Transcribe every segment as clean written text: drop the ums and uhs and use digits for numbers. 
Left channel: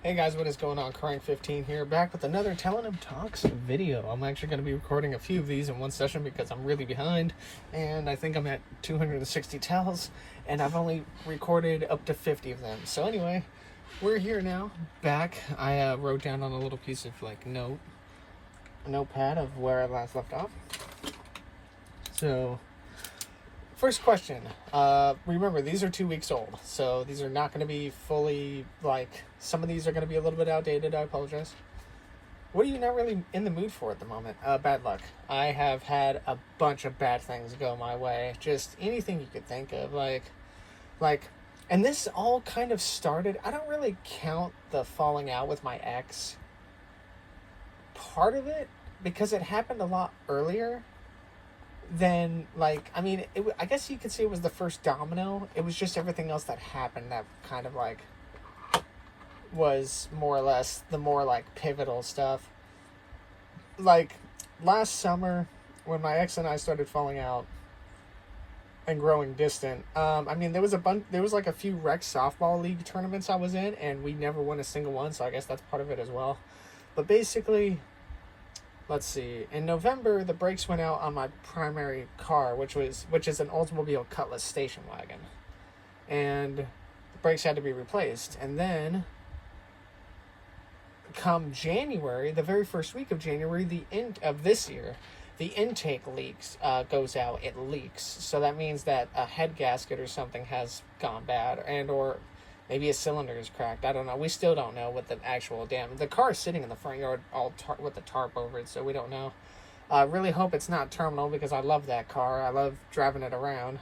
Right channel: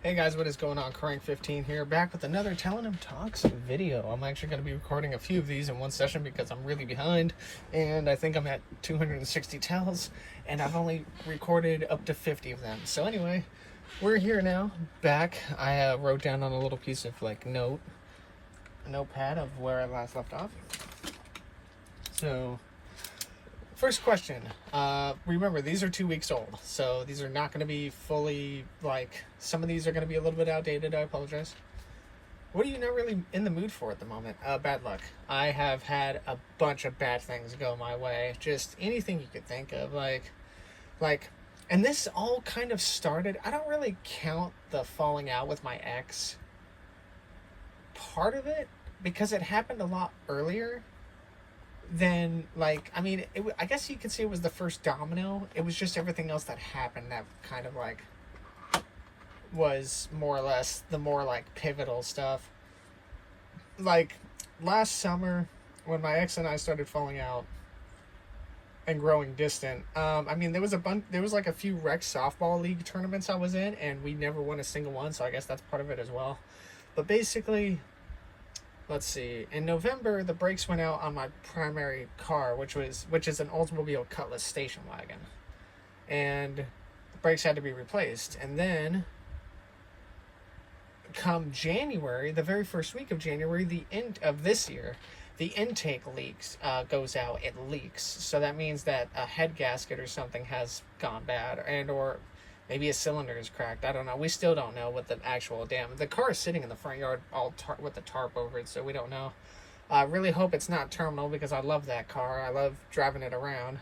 Hey guys, what is going on? Corang15 here, back with another Tellonym Talks video. I'm actually going to be recording a few of these in one session because I'm really behind, and I think I'm at 260 tells, and I've only recorded up to 50 of them. So anyway, we're here now, back. I wrote down on a little piece of a notepad of where I last left off. So, first question. Remember, these are 2 weeks old, so these are not going to be fully, some of these are going to be a little bit outdated. I apologize. What are you not really in the mood for at the moment? Bad luck. I have had a bunch of bad things go my way. Just anything you could think of. And this all kind of started, I don't really count the falling out with my ex part of it, because it happened a lot earlier. Then, I guess you could say it was the first domino. It was just everything else that happened that kind of was more or less the more pivotal stuff. Last summer, when my ex and I started falling out and growing distant, there was a few rec softball league tournaments I was in, and we never won a single one, so I guess that's part of it as well. But basically, let's see. In November, the brakes went out on my primary car, which is an Oldsmobile Cutlass station wagon, and the brakes had to be replaced. And then, come January, the very first week of January, the end of this year, the intake goes out. It leaks, so that means that a head gasket or something has gone bad, or maybe a cylinder is cracked. I don't know. We still don't know what the actual damage. The car is sitting in the front yard all with the tarp over it, so we don't know. I really hope it's not terminal, because I love that car. I love driving it around.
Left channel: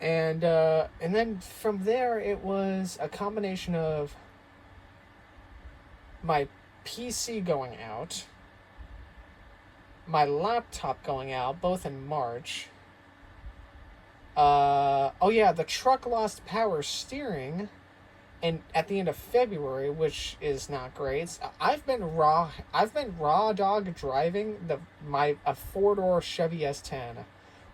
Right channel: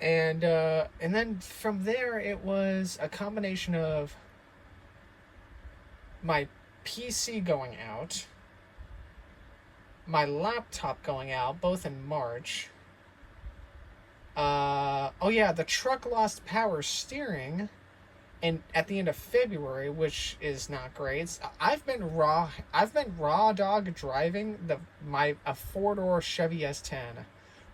And then from there, it was a combination of my PC going out, my laptop going out, both in March. The truck lost power steering at the end of February, which is not great. I've been raw dog driving a 4-door Chevy S10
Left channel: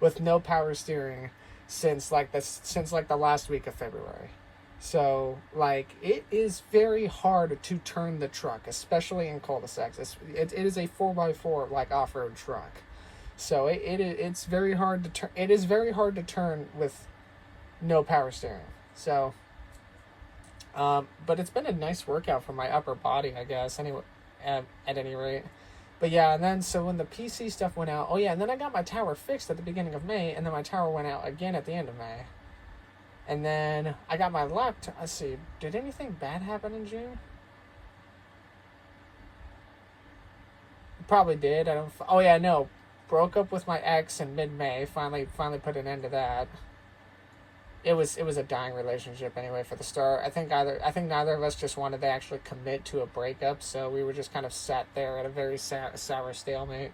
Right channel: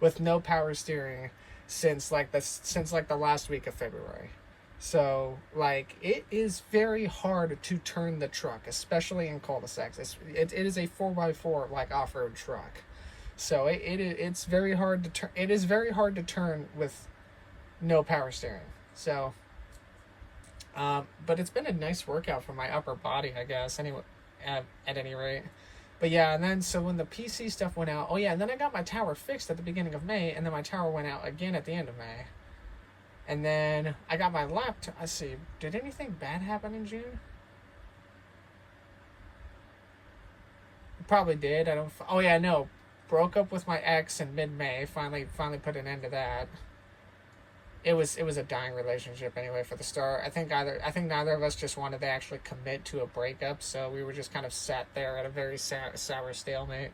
with no power steering since the last week of February. So it is very hard to turn the truck, especially in cul-de-sacs. It is a 4x4 off-road truck. So it's very hard to turn. It is very hard to turn with no power steering. So, but it's been a nice workout for my upper body, I guess. Anyway, at any rate. But yeah, and then so when the PC stuff went out, and then I got my tower fixed at the beginning of May, and then my tower went out again at the end of May. And then I got my laptop. Let's see, did anything bad happen in June? Probably did. No. Broke up with my ex in mid-May. Finally put an end to that. It was a dying relationship anyway for the start. I think neither of us just wanted to actually commit to a breakup, so we were just kind of sat there at a very sour stalemate.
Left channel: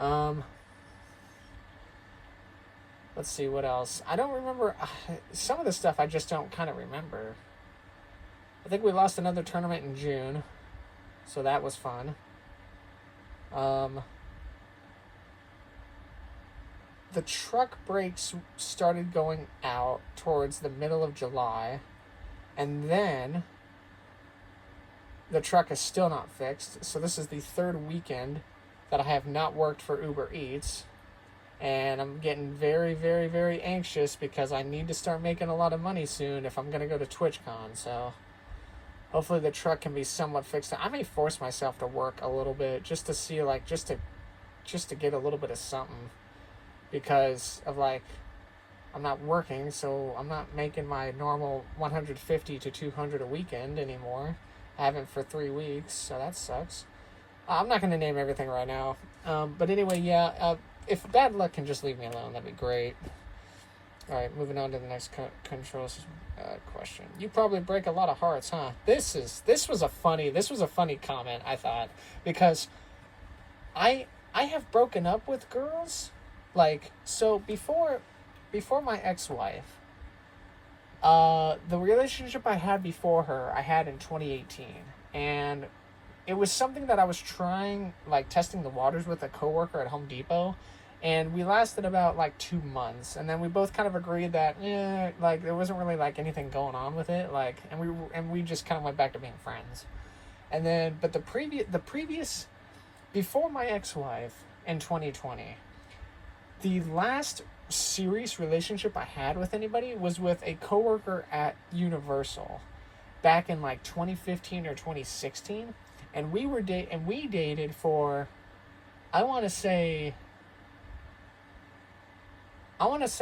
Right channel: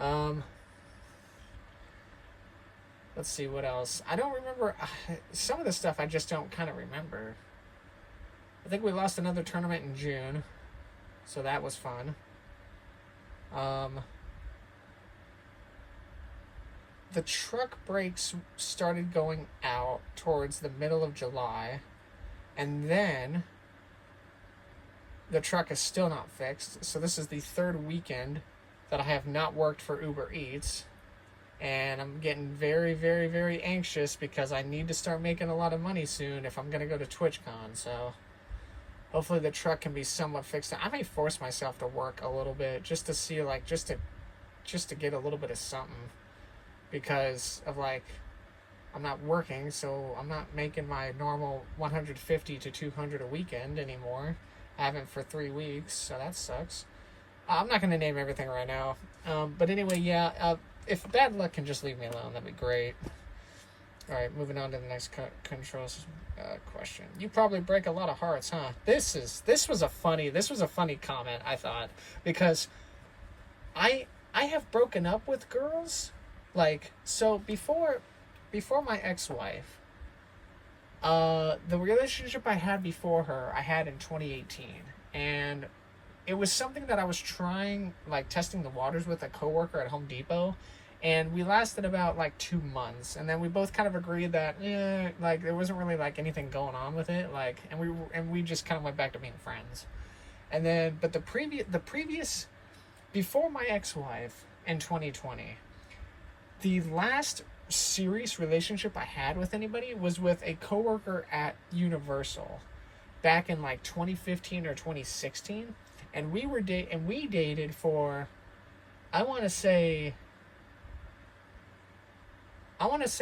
Let's see what else. I don't remember some of the stuff. I just don't kind of remember. I think we lost another tournament in June, so that was fun. The truck brakes started going out towards the middle of July, and then the truck is still not fixed. So this is the third weekend that I have not worked for Uber Eats, and I'm getting very, very, very anxious because I need to start making a lot of money soon if I'm going to go to TwitchCon. So hopefully the truck can be somewhat fixed. I may force myself to work a little bit just to see, just to get a little bit of something. Because of I'm not working, so I'm not making my normal 150 to 200 a weekend anymore. I haven't for 3 weeks, so that sucks. I'm not going to name everything right now. But anyway, if bad luck can just leave me alone, that'd be great. Alright, moving on to the next controls question. You probably break a lot of hearts, huh? This was a funny comment, I thought, because I have broken up with girls. So before my ex-wife, the relationship I had before her, I had in 2018, and it was something that I was trying, testing the waters with a coworker at Home Depot, And we lasted about like 2 months, and then we both kind of agreed that like there wasn't really like anything going on with it, like, and we just kind of went back to being friends. And then, but the previous before my ex-wife in 2020, the last serious relationship I had with anybody was with a coworker at Universal back in like 2015 or 2016, and we dated for, I want to say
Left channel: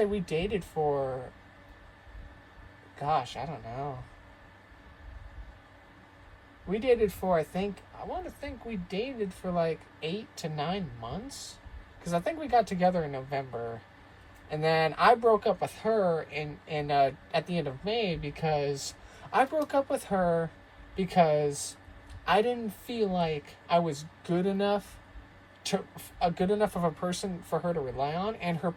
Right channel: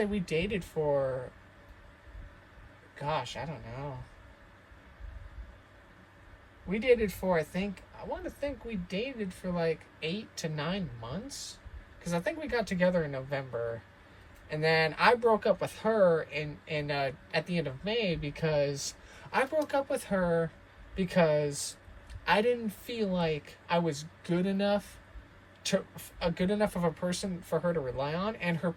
we dated for, gosh, I don't know. We dated for, I want to think we dated for like 8 to 9 months. Because I think we got together in November. And then I broke up with her at the end of May, because I broke up with her because I didn't feel like I was good enough of a person for her to rely on, and her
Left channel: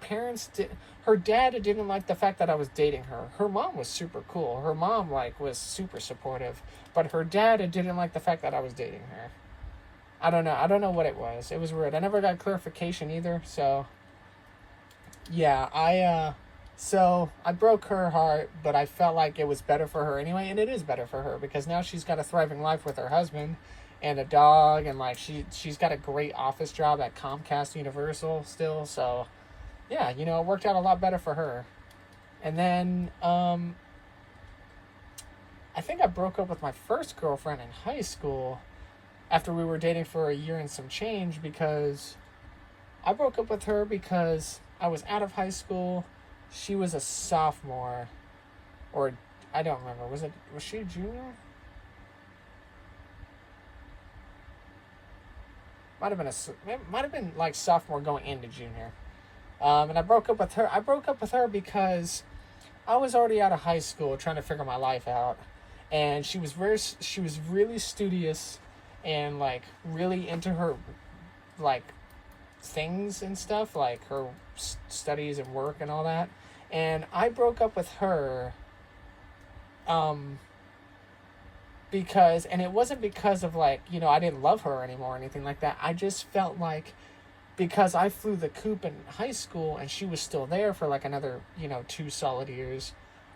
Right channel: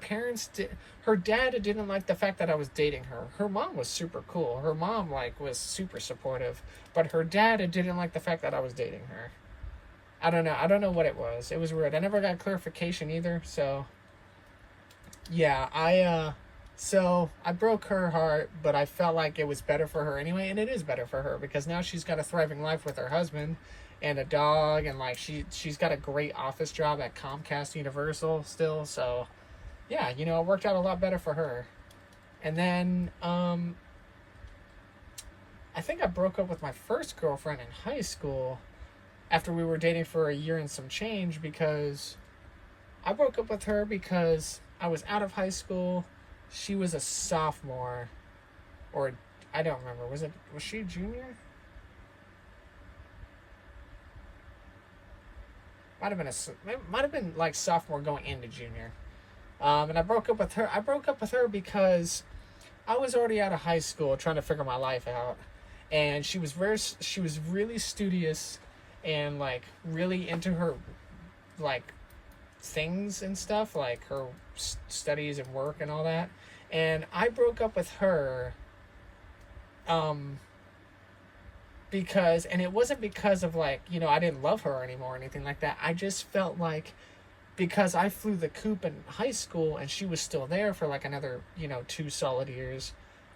dad didn't like the fact that I was dating her. Her mom was super cool. Her mom was super supportive, but her dad didn't like the fact that I was dating her. I don't know what it was. It was weird. I never got clarification either. So yeah, I broke her heart, but I felt like it was better for her anyway, and it is better for her because now she's got a thriving life with her husband and a dog, and like she's got a great office job at Comcast Universal still. So yeah, it worked out a lot better for her. And then I think I broke up with my first girlfriend in high school after we were dating for a year and some change, because I broke up with her because I was out of high school. She was a sophomore, or I don't remember. Was she a junior? Might have been like sophomore going into junior. And I broke up with her. I broke up with her because I was already out of high school trying to figure my life out, and she was really studious and like really into her like things and stuff, like her studies and work and all that. And I broke up with her because, and it wasn't because of like, I didn't love her anymore or anything like that. I just felt like, because I flew the coop in high school and she was still there for like another 2 solid years,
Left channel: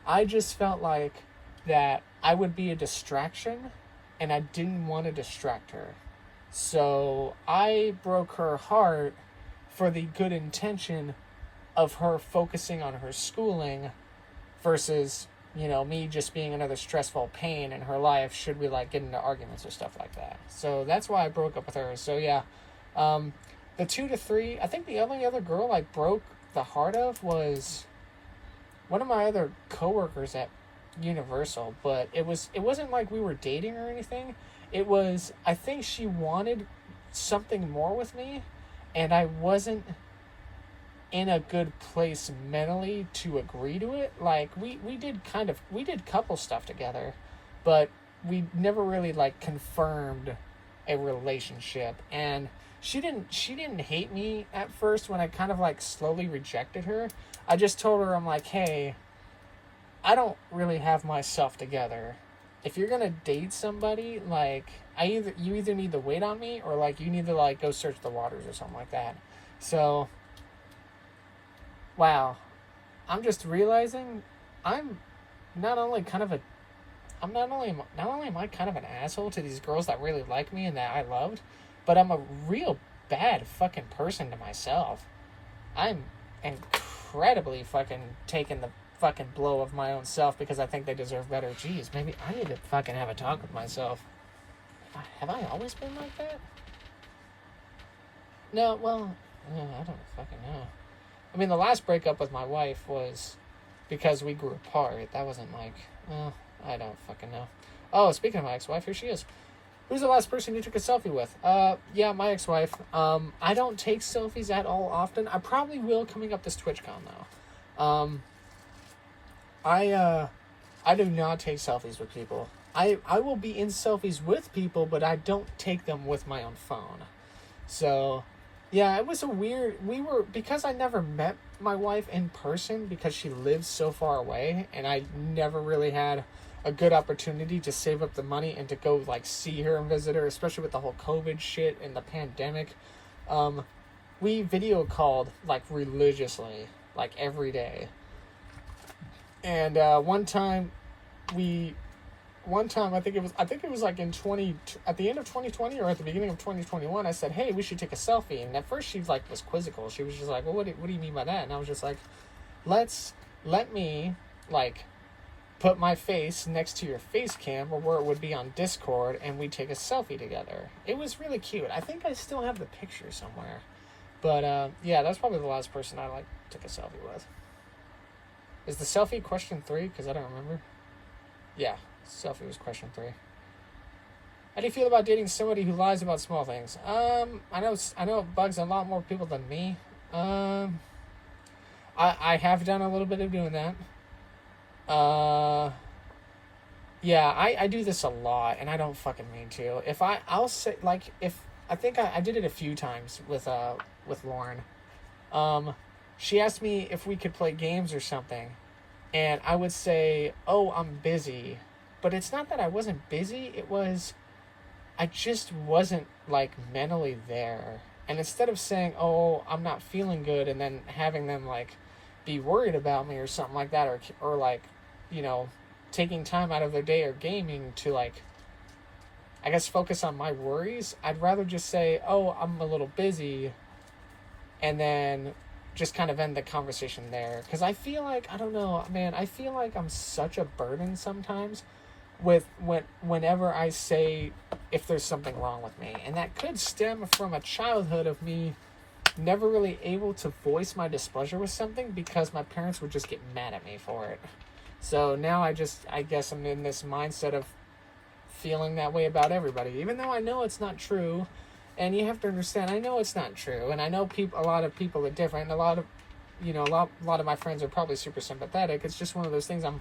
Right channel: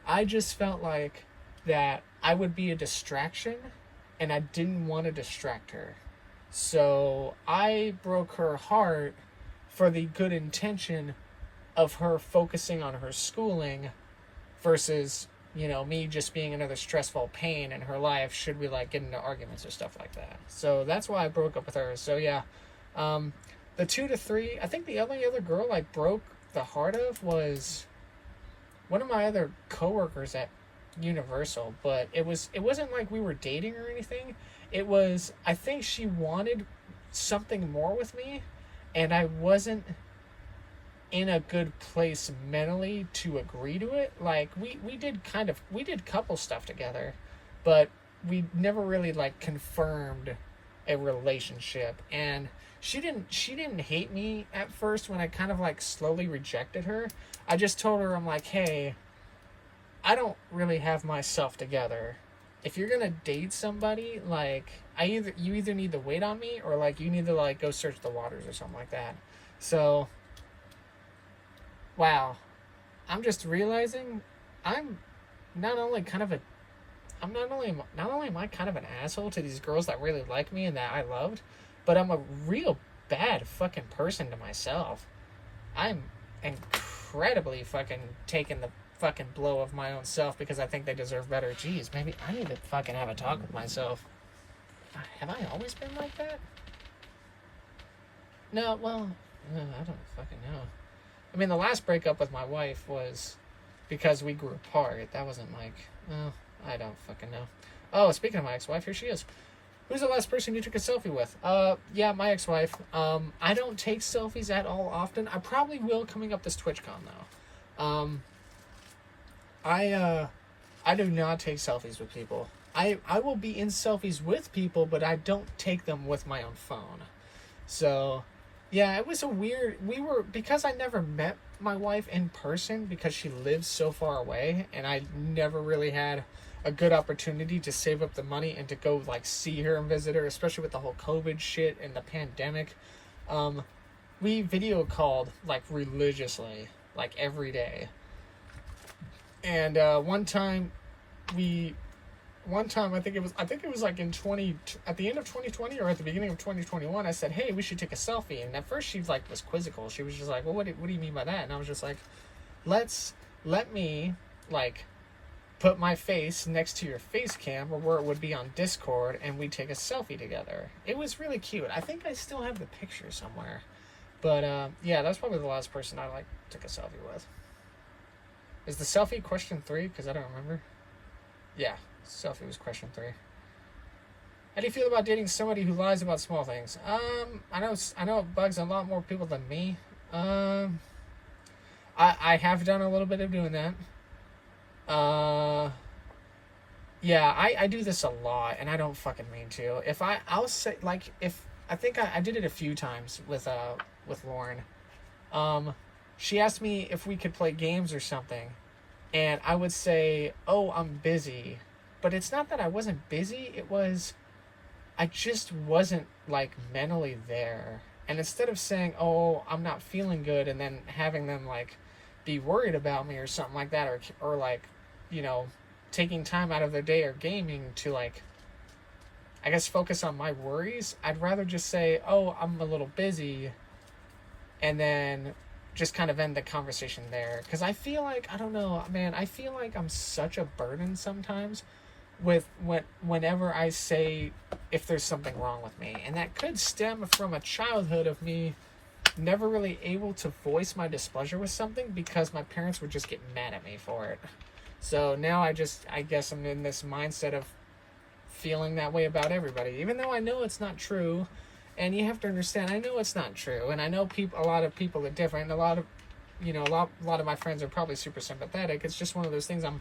I just felt like that I would be a distraction, and I didn't want to distract her. So I broke her heart for the good intention of her focusing on her schooling versus, me just being another stressful pain in her life should we like get into arguments or stuff like that. So that's why I broke up with her. So yeah, the 2 to 3, I think the only other girl I broke the heart of was one of my other coworkers at Universal, but it wasn't like we were dating or anything. It was, I think she wanted something more with me, and I wasn't in a good place mentally to agree to it. Like we did couple stuff together, but we never really like confirmed a relationship. And she didn't hate me at first when I kind of like slowly rejected her. I just told her, I'm like, hey, I don't really have myself together. If you're gonna date somebody, like you either need to wait on me, or like you need to like go search the waters or something like that. So wow, I'm just realizing not only am I kind of an asshole to these girls that really like me and that I loved, but I'm a real bad fucking person to myself. I'm incredibly fucking taking the fucking blow of my own self because I think they deserve better. Jeez, maybe I need to fucking have a talk with myself. Have I always been like that? No, well, no, I don't fucking know. I mean, the last breakup with my wife was because we grew apart. That wasn't like, oh, I don't fucking know. Oh, speaking of my ex-wife, here she is. Who's the last person you took a selfie with? Yeah, my ex-wife. I don't take selfies at all often. I probably will coming up this TwitchCon though. I do not take selfies with people. I will be in selfies with people, but I don't take them with my own phone. So, yeah, it was because I never met my wife in person because she lives so far away, and I never really had a good opportunity to save up the money and to go like see her and visit her, especially with the whole COVID shit and the pandemic. we video called like religiously, like every day. And one time I think it was like at the end of 2020 or at the beginning of 2021, I said, hey, we should take a selfie. And at first she like was quizzical. She was just like, well, what do you mean by that? And I was just like, let me like put my face next to your face cam or where it would be on Discord, and we take a selfie together. It was really cute. I think I still have the picture somewhere. But yeah, that's probably the last person I like took a selfie with. Is the selfie question 3? Because I don't remember. Yeah, selfie was question 3. How do you feel about dating somebody who lies about small things? I know it bugs a lot more people than me. I have done a little bit of doing that. Yeah, I do this a lot, and I don't fucking mean to. I'll say, like, I think I did it a few times with Lauren. She asked me if we could play games or something, and I would say, oh, I'm busy. But it's not that I wasn't busy, it was, I just wasn't, like, mentally there. And instead of saying, oh, I'm not feeling good, and then having them, like, be worried about me or something like that, or like, you know, taking time out of their day or gaming to, like, I guess focus on my worries, I'd rather just say, oh, I'm a little busy, and then just kind of end the conversation there. Because I feel like, I don't know, man, I feel like I'm such a burden sometimes whenever I say if there's something wrong with me. And that could stem from a childhood of me never really able to voice my displeasure with something because my parents would just get mad at me for it. So now I guess I'm in this mindset of feeling that way about everybody, even though I know it's not true. And you have to understand, I know it's not true, and I know a lot of people are different, and a lot of my friends are probably super sympathetic. It's just one of those things I'm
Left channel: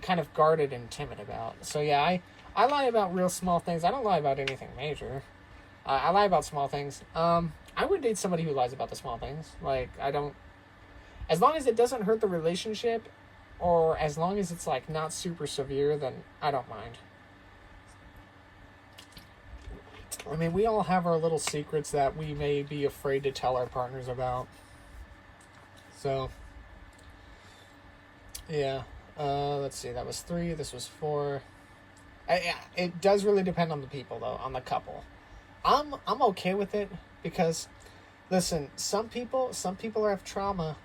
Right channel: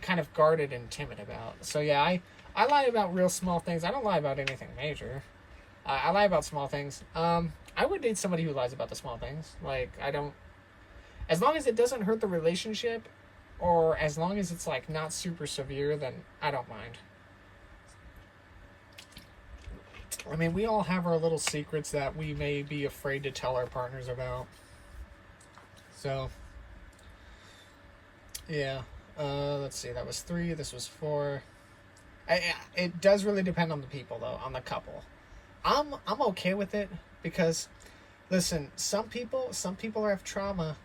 kind of guarded and timid about. So yeah, I lie about real small things. I don't lie about anything major. I lie about small things. I would date somebody who lies about the small things. Like, as long as it doesn't hurt the relationship, or as long as it's like not super severe, then I don't mind. I mean, we all have our little secrets that we may be afraid to tell our partners about. So, yeah. Let's see, that was 3, this was 4. It does really depend on the people, though, on the couple. I'm okay with it because, listen, some people have trauma,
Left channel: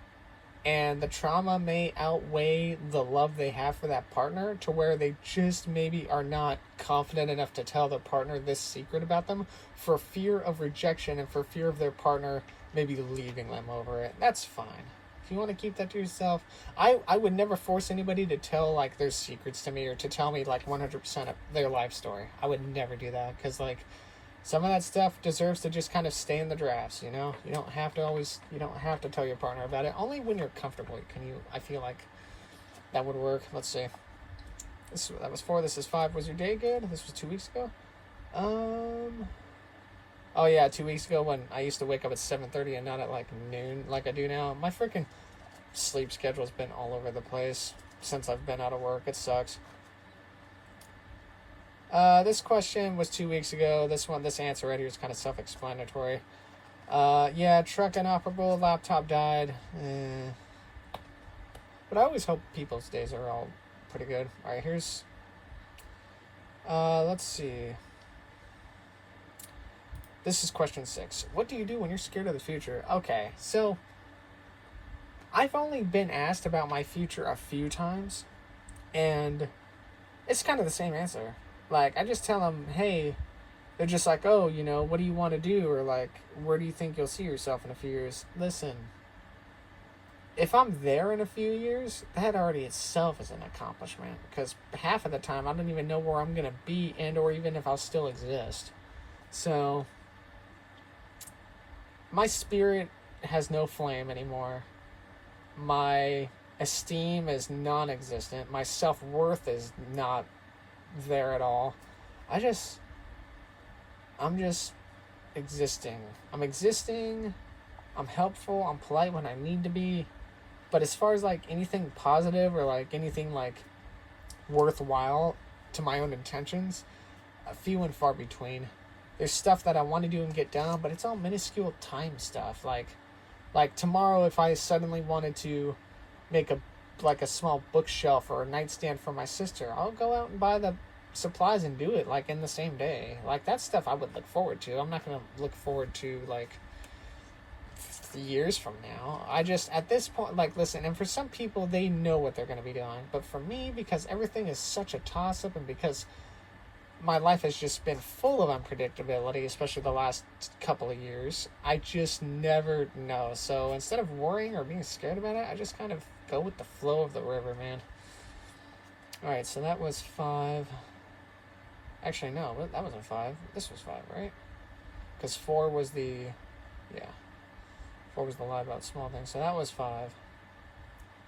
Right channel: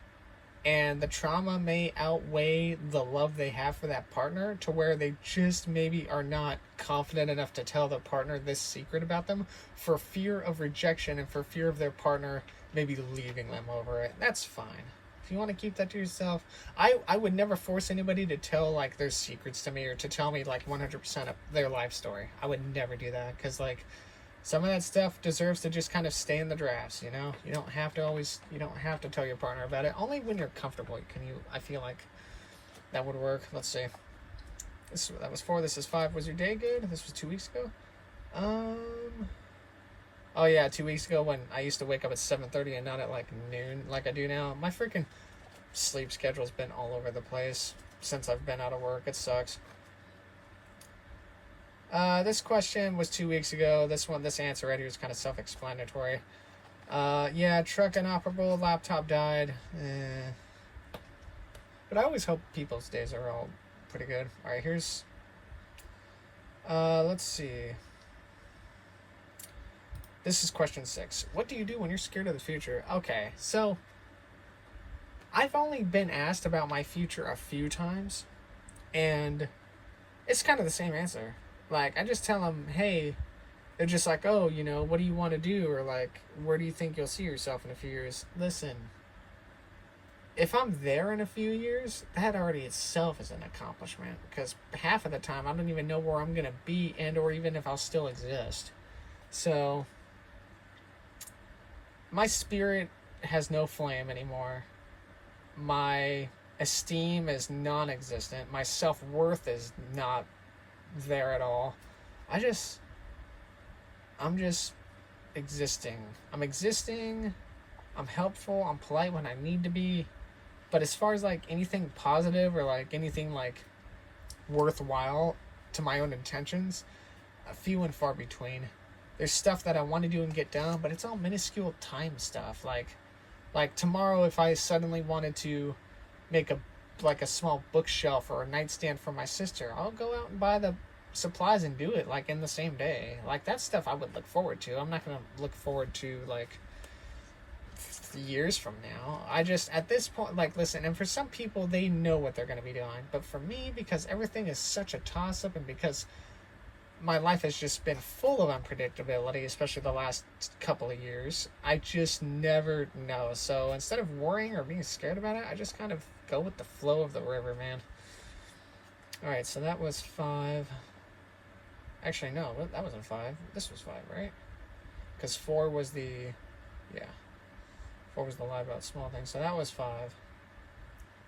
and the trauma may outweigh the love they have for that partner to where they just maybe are not confident enough to tell their partner this secret about them for fear of rejection and for fear of their partner maybe leaving them over it. That's fine. If you want to keep that to yourself, I would never force anybody to tell, like, their secrets to me or to tell me, like, 100% of their life story. I would never do that because, like, some of that stuff deserves to just kind of stay in the drafts, you know? You don't have to tell your partner about it. Only when you're comfortable I feel like that would work. Let's see. That was 4, this is 5. Was your day good? This was 2 weeks ago? Oh yeah, 2 weeks ago when I used to wake up at 7:30 and not at like noon like I do now. My freaking sleep schedule's been all over the place since I've been out of work. It sucks. This question was 2 weeks ago. This answer right here is kind of self-explanatory. Yeah, truck inoperable, laptop died. But I always hope people's days are all pretty good. Alright, here's... let's see. This is question 6. What do you do when you're scared of the future? Okay, so... I've only been asked about my future a few times. And it's kind of the same answer. Like, I just tell them, hey, they're just like, oh, you know, what do you want to do? Or like, where do you think you'll see yourself in a few years? Listen, if I'm there in a few years, that already itself is an accomplishment. Because half of the time, I don't even know where I'm going to be and or even if I'll still exist. So, my spirit has no flame anymore. My esteem is non-existent. My self-worth is not there at all. I'm just existing. I'm existing. I'm helpful. I'm polite when I need to be. But as far as like anything positive or like anything like worthwhile to my own intentions, few and far between. there's stuff that I want to do and get done, but it's all minuscule time stuff. Like tomorrow, if I suddenly wanted to make a small bookshelf or a nightstand for my sister, I'll go out and buy the supplies and do it like in the same day. Like that's stuff I would look forward to. I'm not going to look forward to like years from now. I just, at this point, like, listen, and for some people, they know what they're going to be doing. But for me, because everything is such a toss-up, and because my life has just been full of unpredictability, especially the last couple of years, I just never know. So instead of worrying or being scared about it, I just kind of go with the flow of the river, man. All right, so that was 5. Actually, no, that wasn't 5. This was 5, right? Because 4 was the, yeah. 4 was the lie about small things. So that was 5.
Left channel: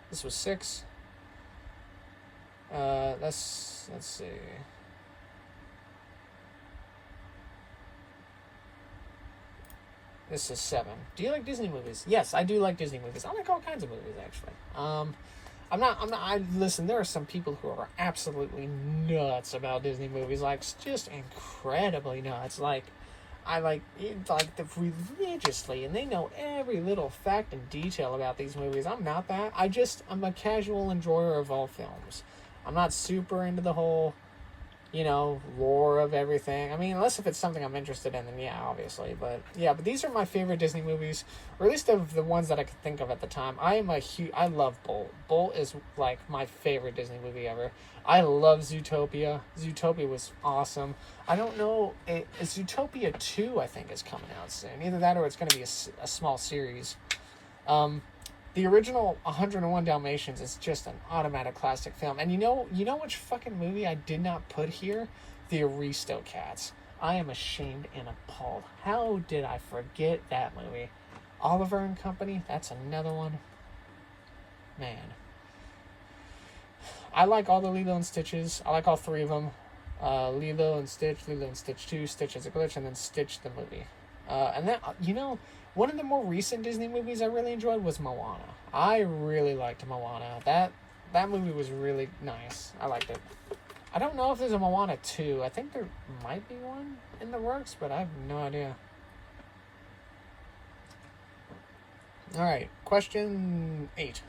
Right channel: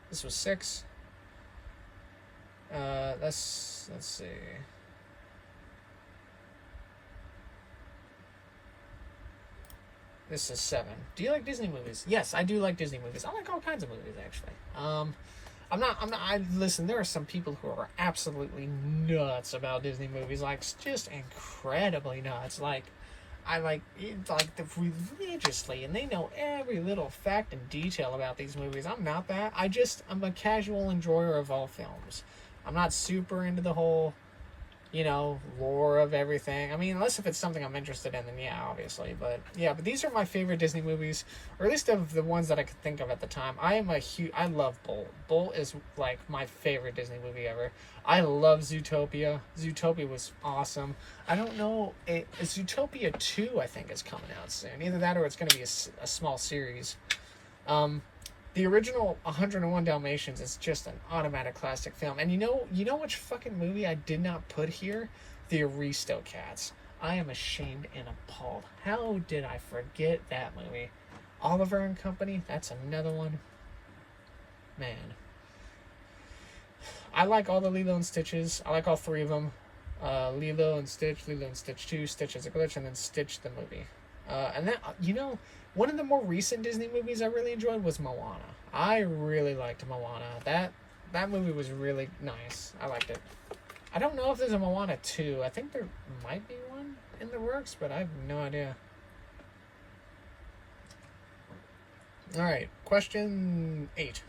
This was 6. Let's see. This is 7. Do you like Disney movies? Yes, I do like Disney movies. I like all kinds of movies, actually. Listen, there are some people who are absolutely nuts about Disney movies, like, just incredibly nuts. Like, I like them religiously, and they know every little fact and detail about these movies. I'm not that. I'm a casual enjoyer of all films. I'm not super into the whole, lore of everything. I mean, unless if it's something I'm interested in, then yeah, obviously. But these are my favorite Disney movies, or at least of the ones that I could think of at the time. I love Bolt. Bolt is like my favorite Disney movie ever. I love Zootopia. Zootopia was awesome. I don't know, Zootopia 2 I think is coming out soon. Either that or it's going to be a small series. The original 101 Dalmatians is just an automatic classic film. And you know which fucking movie I did not put here? The Aristocats. I am ashamed and appalled. How did I forget that movie? Oliver and Company, that's another one. Man. I like all the Lilo and Stitches. I like all 3 of them. Lilo and Stitch 2, Stitch as a Glitch, and then Stitch the movie. And then, one of the more recent Disney movies I really enjoyed was Moana. I really liked Moana. That movie was really nice. I liked it. I don't know if there's a Moana 2. I think there might be one in the works, but I have no idea. Alright, question 8.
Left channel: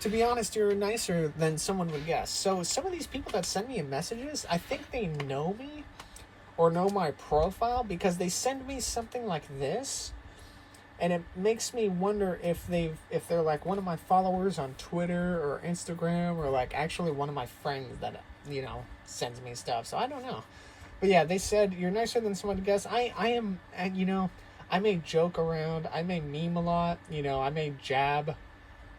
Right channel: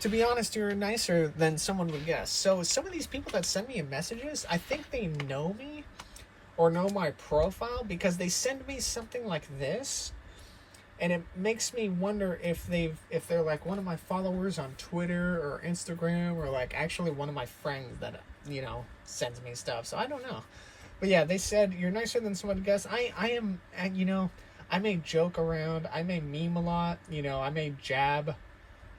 To be honest, you're nicer than someone would guess. So some of these people that send me messages, I think they know me or know my profile because they send me something like this, and it makes me wonder if they're like one of my followers on Twitter or Instagram, or like actually one of my friends that sends me stuff. So I don't know, but yeah, they said you're nicer than someone would guess. I am, I may joke around, I may meme a lot, I may jab,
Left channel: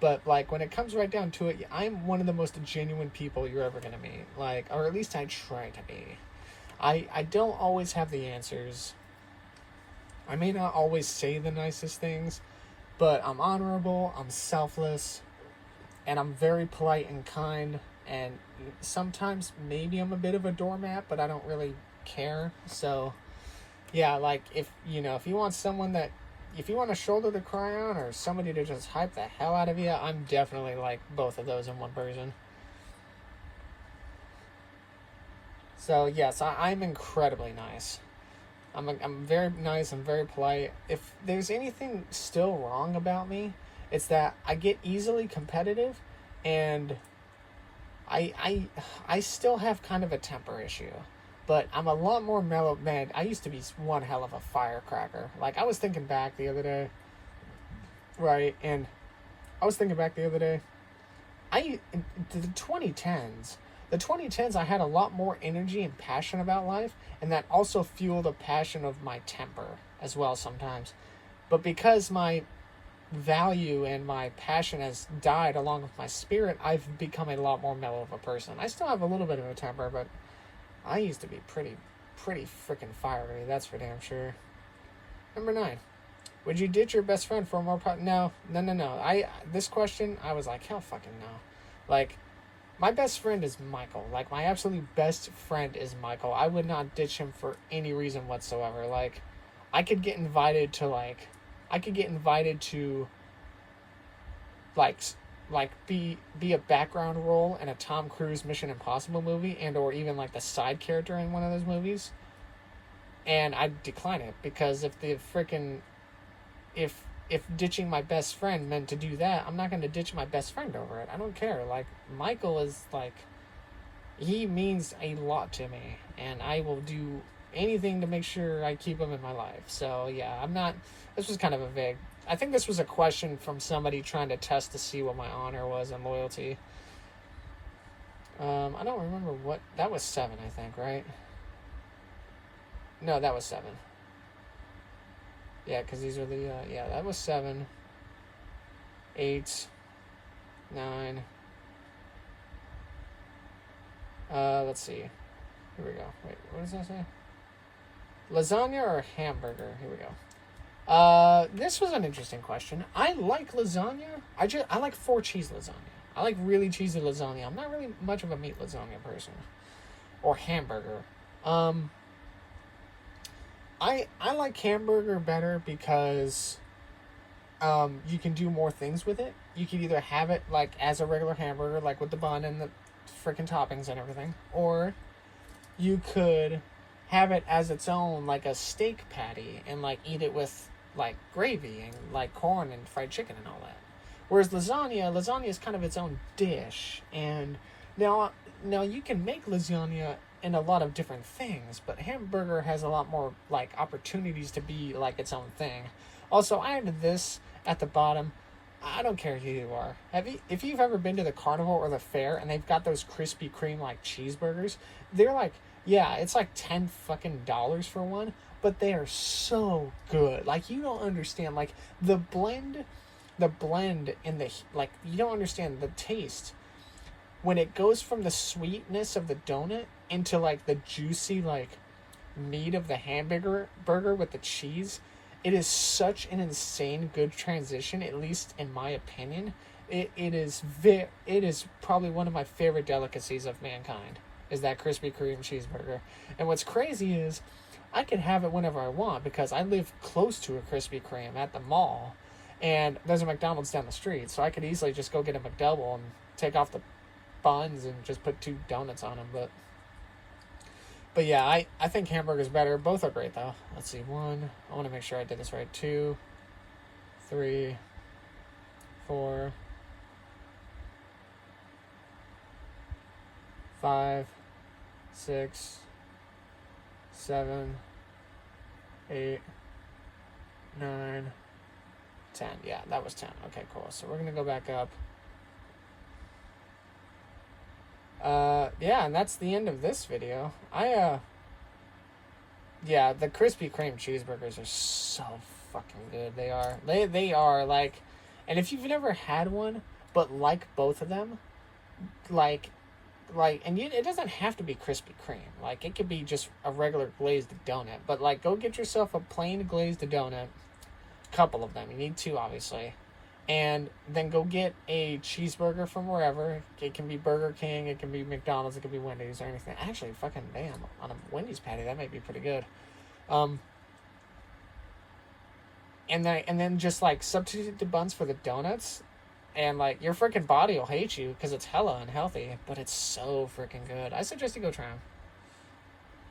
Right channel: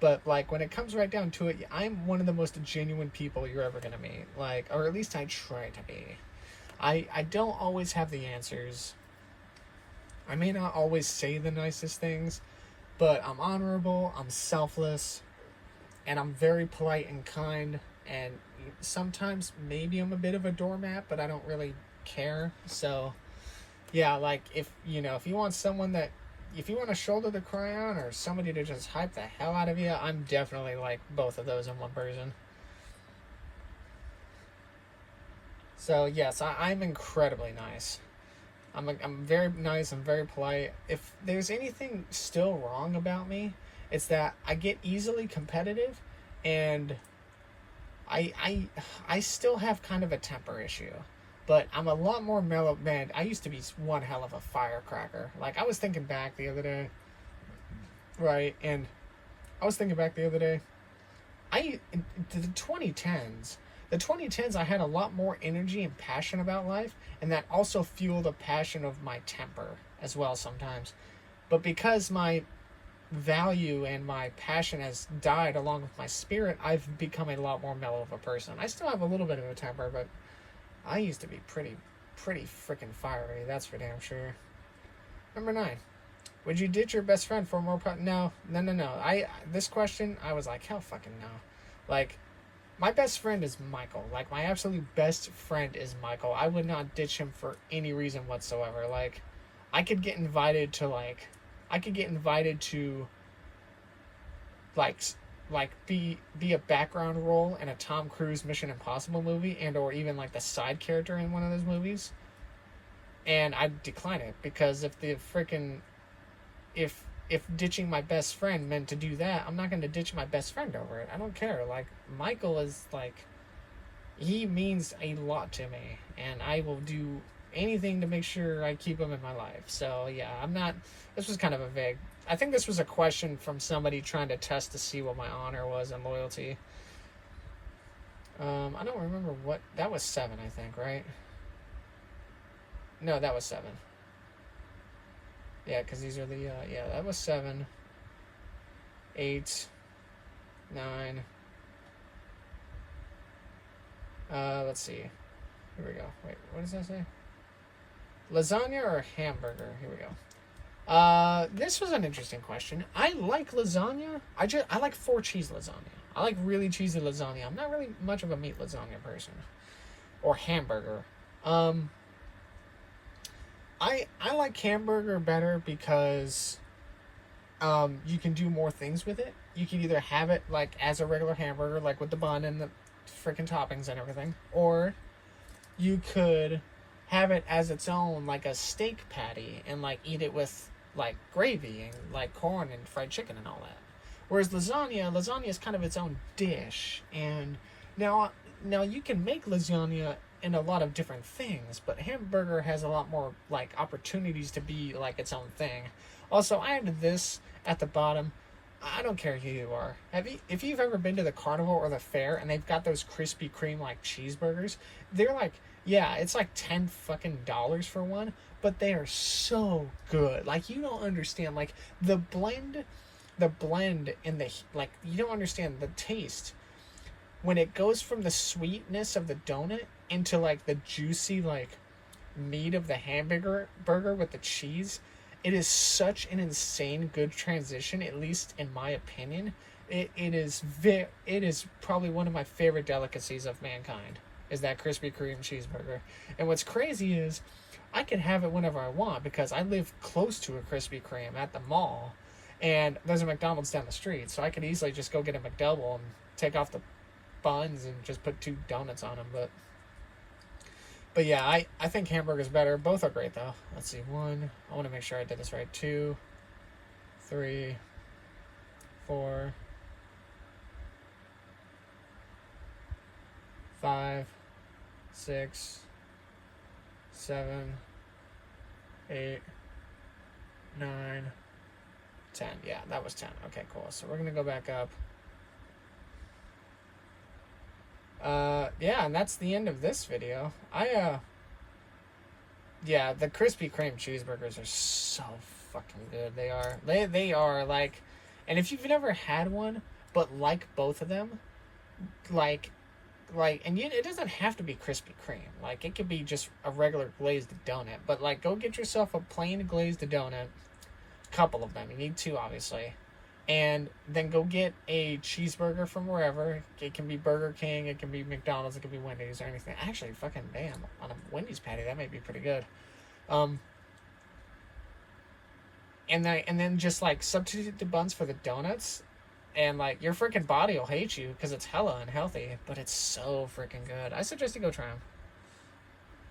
but like when it comes right down to it, I'm one of the most genuine people you're ever gonna meet. Like, or at least I try to be. I don't always have the answers. I may not always say the nicest things, but I'm honorable, I'm selfless, and I'm very polite and kind, and sometimes maybe I'm a bit of a doormat, but I don't really care. So yeah, like if you want if you want a shoulder to cry on or somebody to just hype the hell out of you, I'm definitely like both of those in one person. So yes, I'm incredibly nice. I'm very nice and very polite. If there's anything still wrong about me, it's that I get easily competitive, and I still have kind of a temper issue. But I'm a lot more mellow. Man, I used to be one hell of a firecracker. Like, I was thinking back the other day, right? And I was thinking back the other day, the 2010s, I had a lot more energy and passion about life, and that also fueled a passion of my temper as well sometimes. But because my value and my passion has died along with my spirit, I've become a lot more mellow of a person. I still have a little bit of a temper, but I used to be pretty freaking fiery, that's for damn sure. Number 9. Would you ditch your best friend for more No. This question, I was like, hell fucking no. Like, my best friend is Michael. Like, my absolute best friend is Michael. I would not ditch him for any reason whatsoever. Like, I could get invited to, like, be a background role in a Tom Cruise Mission Impossible movie, and or even like the side character in one of those movies. And I decline it because if the freaking if ditching my best friend meant to do that, I'm not going to ditch my best friend over it. I don't care. Like, Michael is like, he means a lot to me, and I will do anything to make sure I keep him in my life. So yeah, I'm not, this was kind of a vague, I think this was a question from somebody trying to test to see what my honor was and loyalty. I don't remember what, that was 7, I think, right? No, that was 7. Yeah, because these are the, yeah, that was 7, 8, 9. Let's see. Here we go. Wait, what does that say? Lasagna or hamburger? Here we go. This was an interesting question. I like lasagna. I like 4 cheese lasagna. I like really cheesy lasagna. I'm not really much of a meat lasagna person. Or hamburger. I like hamburger better because you can do more things with it. You can either have it like as a regular hamburger, like with the bun and the freaking toppings and everything, or you could have it as its own, like a steak patty, and like eat it with like gravy and like corn and fried chicken and all that. Whereas lasagna is kind of its own dish. And now you can make lasagna in a lot of different things, but hamburger has a lot more like opportunities to be like its own thing. Also, I added this at the bottom. I don't care who you are. If you've ever been to the carnival or the fair and they've got those Krispy Kreme like cheeseburgers, they're like, yeah, it's like $10 fucking for one, but they are so good. Like, you don't understand, like the blend in the, like, you don't understand the taste when it goes from the sweetness of the donut into like the juicy like meat of the hamburger with the cheese. It is such an insane good transition, at least in my opinion. It is probably one of my favorite delicacies of mankind, is that Krispy Kreme cheeseburger. And what's crazy is I can have it whenever I want because I live close to a Krispy Kreme at the mall, and there's a McDonald's down the street, so I could easily just go get a McDouble and take off the buns and just put 2 donuts on them. But yeah, I think hamburger's better. Both are great though. Let's see, 1, I want to make sure I did this right. 2, 3, 4, 5, 6, 7, 8, 9, 10. Yeah, that was 10. Okay, cool. So we're gonna go back up. Yeah, and that's the end of this video. Yeah, the Krispy Kreme cheeseburgers are so fucking good. They are like, and if you've never had one, but like both of them, it doesn't have to be Krispy Kreme. Like, it could be just a regular glazed donut, but like, go get yourself a plain glazed donut, couple of them. You need 2, obviously. And then go get a cheeseburger from wherever. It can be Burger King, it can be McDonald's, it can be Wendy's or anything. Actually, fucking damn, on a Wendy's patty, that might be pretty good. And then just like substitute the buns for the donuts, and like your freaking body will hate you because it's hella unhealthy, but it's so freaking good. I suggest you go try them.